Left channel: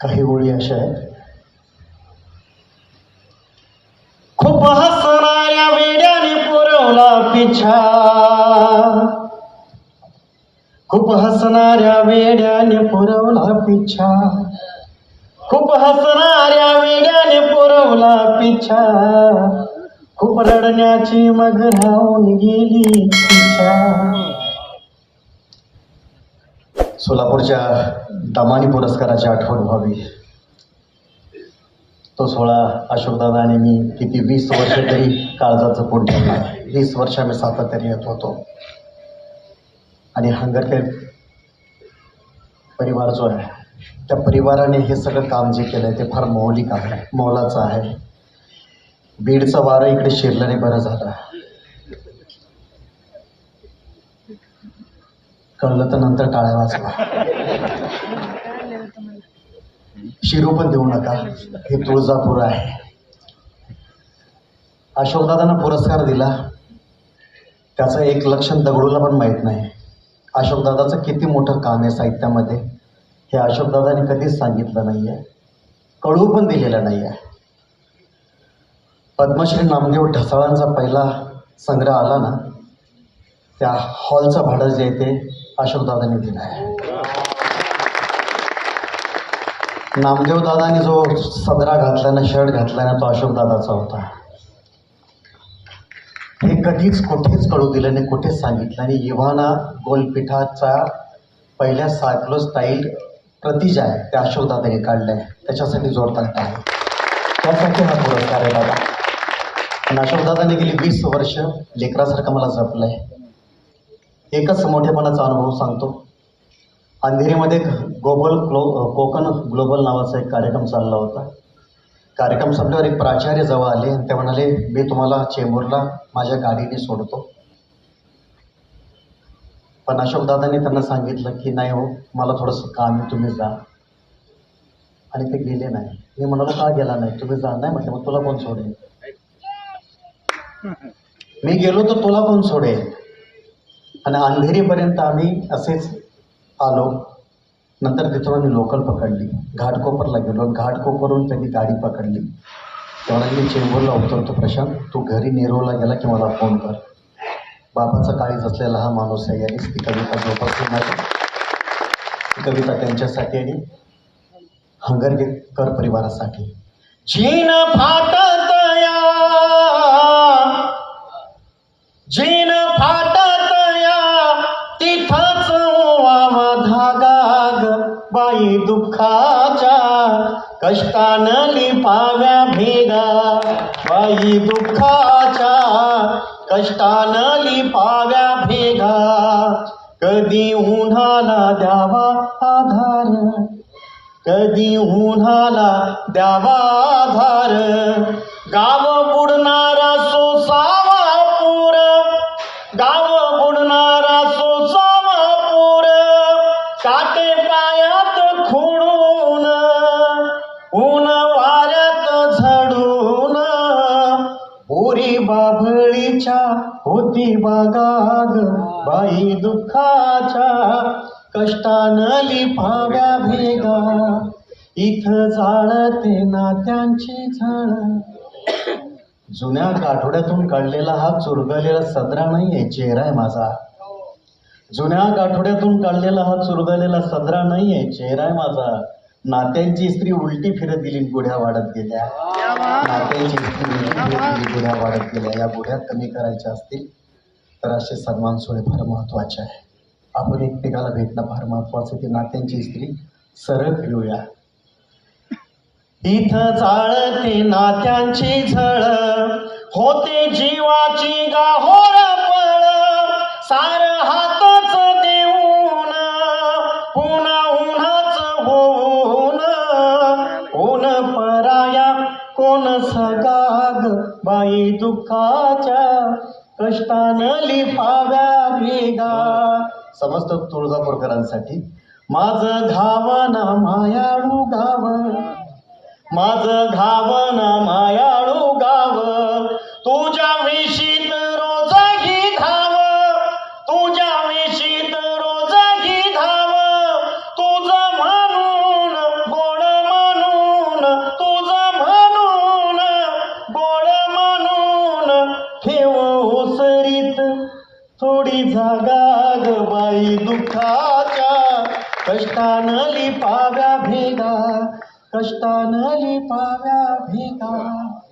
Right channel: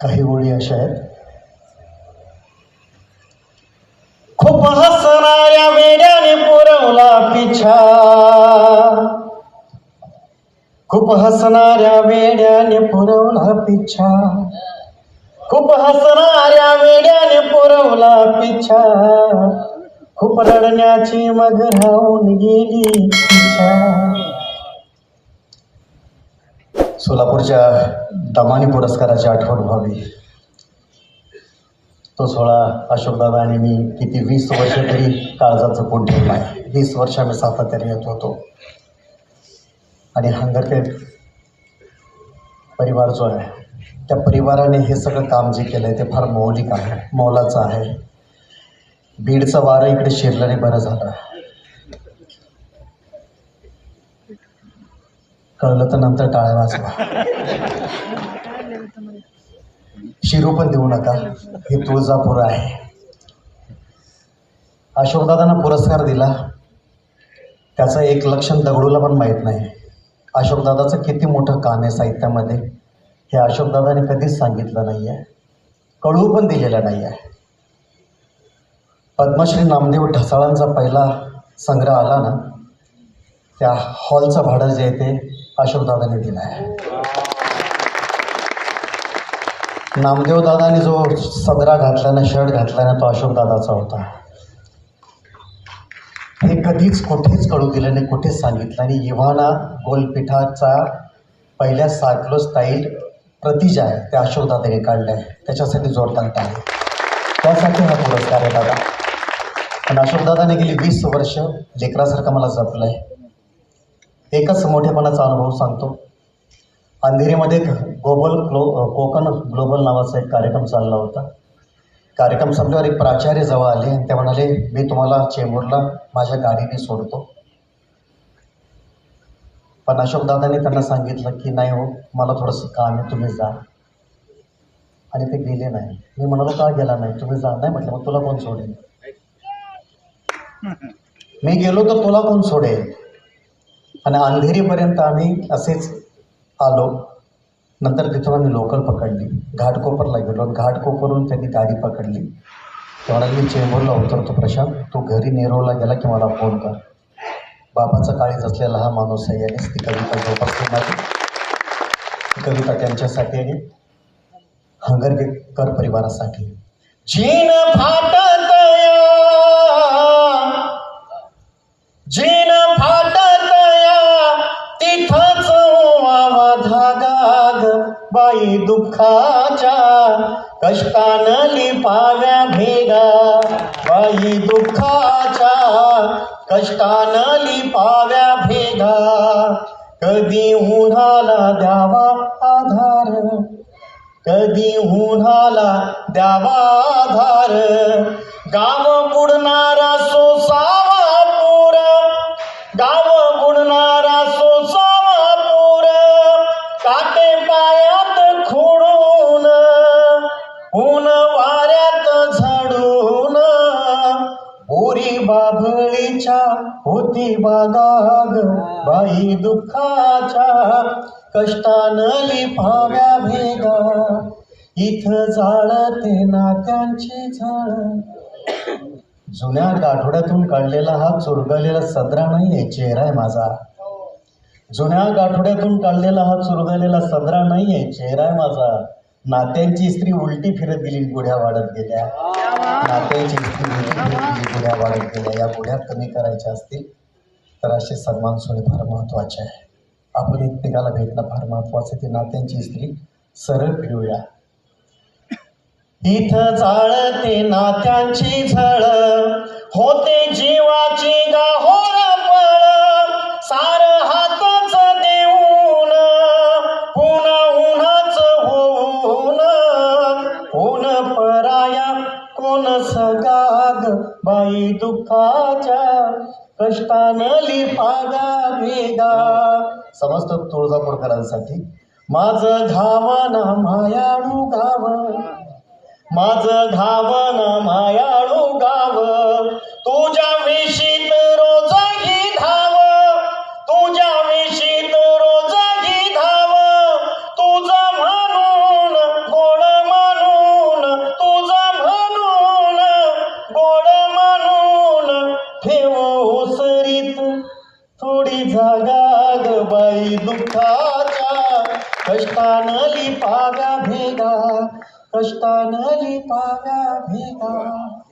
काही ओळी अशा आहेत. खूप हसणाऱ्या वेड्याने पुरवला पिछा. खूप हसणाऱ्या वेड्याने पुरवला पिछा. खूप हसणाऱ्या वेड्याने पुरवला पिछा. खूप रडण्याची मग राहून गेली पिछा. सोलापूरच्या दमानी पुरस्काराची आठवण व्हावी. तो सोहळा अशोकदादा आणि मी किती वीस वर्ष तरी काळजाचं पोट ठेवलं आहे. वीस वर्ष आम्ही सातत्याने येत होतो. आणि हंगरके परिवार जो आहे त्या परिवाराने हे सगळं काम जे केलं आहे ते फार मौलिक आहे मोलाचं आहे. बीडचं वारं इकडे शिरल्याने बरं झालं. कळलं तर नंतर टाळ्या वाजवा शिरू पण देऊ नका. हे तुळजापूर आहे. अशोकदादांना पुरस्कार दिला. त्याचं एक लक्षण दगडूला पण माहीत नाही. अशोकदादाचं किती मोठं काम आहे साहित्यामध्ये हे अशोकदादाने कधीच सांगितलं नाही आहे कळू पण दिलेलं नाही आहे पद्मश्री नामदेव ढसाळांचा पहिला संग्रह आला ना त्या हॉलचं भाडं जे आहे ते अशोकदादांनी दिला आहे. नामदेव दादाने जो सदरा घातला ना शर्ट घातला ना तो अशोकदादाचा होता. हे कधीच कुठेच कळू दिलं नाही कुठेच सांगितलं आणि इव्हाना गोलपीठाचा पहिल्या सायक्लो स्टाईल प्रतिज आहे ते अशोकदादाने काढले आहे त्याच्यासाठी जोरदार आहे. त्यासाठी हा पुरस्कार आहे दादा. पण अशोकदादाने गेली वीस वर्ष लेकरासारखं मला जपलं आहे एकच मोठेपणाचा अनुभव सांगतो. अंधेरीमध्ये ग्लोबल ग्लो कोकण ग्लोबल नावाचा एक कार्यक्रम चालला होता. कार्यक्रम संपल्यावर एक प्राचार्य जवळ आले आणि ते म्हणाले मी तुम्हाला चेंबूरला माझ्या गाडीने सोडतो. पण अशोकदादांनी त्यांना सांगितलं की नाही हो मला थोडंसं काम आहे तुम्ही जा. आणि ते गेले नाही. मी म्हणालो का गेला नाही? तुम्ही जा. नाही म्हटलं मग तुला कोण सोडेल? मी गेलो तर तुला कोण सोडेल? आणि अंधेरीपर्यंत आम्ही असेच आलो. नंतर तिथून आम्ही लोकल पकडली. घाटकोपरला गेलो घाटकोपरून त्यांनी गाडी पकडली. तेव्हा मी चेंबूरला उतरतो प्रशांत. तू घरी नेरूळला गेला की मला फोन कर. बाबाचा काळीज असलेला हा माणूस आहे यानेच ती कविता जोपासली माझी ती कविता त्यांच्यासाठी आणि हंगरगेकर परिवारासाठी. जीन फाटत जीन दुःखाच्या कष्टान लिपाव्या भेगा बाई दुःखाच्या कष्टान लिपाव्या भेगा. कधी उन्हाला द्यावा आधार? कधी उन्हाला द्यावा आधार? गाव बुडणारा ऊन वाऱ्यात झडून बोरी बाभळीच्या होती बागाग. बाई दुःखाच्या कष्टान लिफाव्या भेगा. इथं जाळते नात्यांची झाड. जुन्या गाठोड्यातून काढलेला हा चुरगलेला सदरा नाही आहे चेहरा आहे माझा. जुन्या गाठोड्यातून काढलेला हा चुरगलेला सदरा नाही आहे चेहरा आहे माझा. नात्यांची स्त्री उलटी फिरत गेली गुढ्या वाढत गेल्या. नात्यांची स्त्री उलटी फिरत गेली गुढ्या वाढत गेल्या. या गुढ्या कमी करायच्या असतील तर असे सन्मान सोहळे फार महत्त्वाचे आहे. आपण एकमेकाला भेटणं फार महत्त्वाचं आहे. ती नात्यांची स्त्री सरळ फिरूया. इथं चाळते नात्यांची झळ. होते सगाग बाई दुःखाच्या कष्टान लिपाव्या भेगा समस्त तुळजापूरकरांसाठी माझं घावाना मायाळू गाव. माझं घावना मायाळू गाव. तुझ्या बाई दुःखाच्या कष्टान लिपाव्या भेगा कष्टान लिपाव्या भेगा.